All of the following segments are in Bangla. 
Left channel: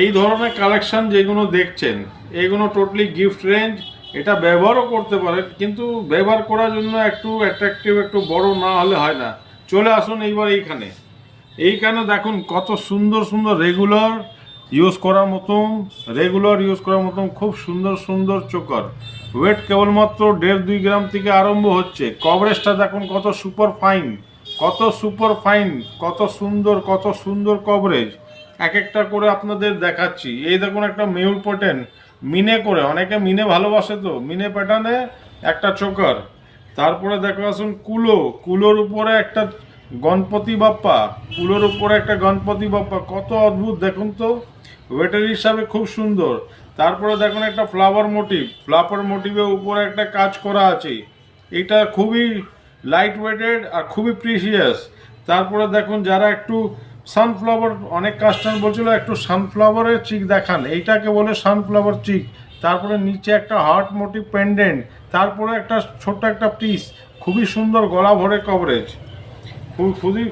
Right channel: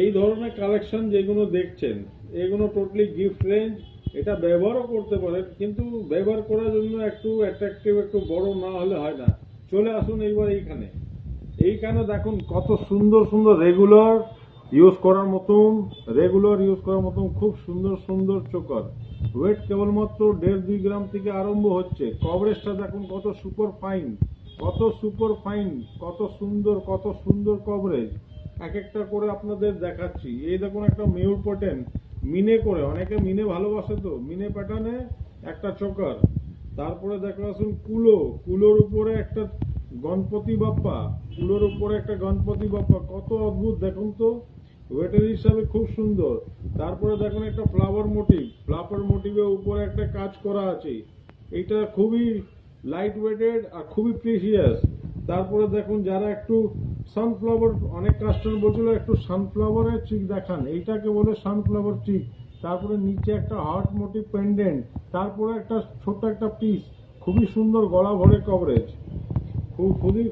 এই ধরনের কালেকশন যেগুলো দেখছেন এগুলো টোটালি গিফট রেঞ্জ। এটা ব্যবহারও করতে পারেন, কিন্তু ব্যবহার করার জন্য একটু অ্যাট্রাকটিভ, একটু বড় না হলে হয় না। চলে আসুন এইবার এইখানে দেখুন কত সুন্দর সুন্দর রেগুলার ইউজ করার মতন খুব সুন্দর সুন্দর চোকার। ওয়েট কেবলমাত্র 1.5-2 গ্রাম থেকে আরম্ভ হচ্ছে। কভারেজটা দেখুন কত সুপার ফাইন, কত সুন্দর কভারেজ। এক একটা করে আপনাদের দেখাচ্ছি। এই দেখুন একটা মেউল পটেন মিনে করে, অনেকে মিনে ভালোবাসে, তো মিনে প্যাটার্নে একটা চোকার। তারপরে দেখো আসুন কুলোর উপরে একটা গণপতি বাপ্পা, কত অদ্ভুত দেখুন তো, ওয়েটার হিসাবে খুব সুন্দর। তারপরে দেখুন একটা ফ্লাওয়ার মোটিভের উপরে একটা কাজ করা আছে। এটা খুবই লাইট ওয়েটেড আর খুবই প্রিসিয়াস। তারপরে দেখুন যারা একটু সানফ্লাওয়ার, অনেক কাস্টমার বলছিল একটু সানফ্লাওয়ারের চিক দেখান, এইটাকে বলে সানফ্লাওয়ার চিক। তারপরে নিচে একটা হার্ট মোটিভ পেন্ডেন্ট, তারপরে একটা ছোট্ট একটা পিস, খুবই সুন্দর গলা ভরে কভারেজ,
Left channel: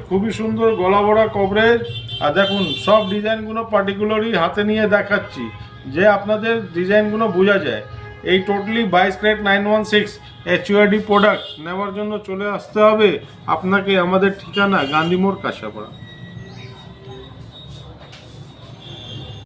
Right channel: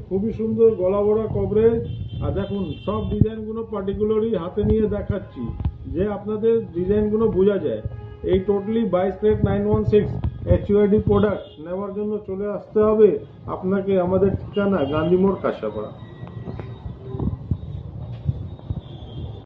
খুবই সুন্দর গলা ভরা কভারেজ। আর দেখুন সব ডিজাইনগুলো পার্টিকুলারলি হাতে নিয়ে দেখাচ্ছি যে আপনাদের ডিজাইনগুলো বোঝা যায়। এই টোটালি 22 ক্যারেট 916 HUID প্রোডাক্ট নেওয়ার জন্য চলে আসতে হবে আপনাকে আমাদের ঠিকানা গান্ধী মোড়, কাঁচরাপাড়া।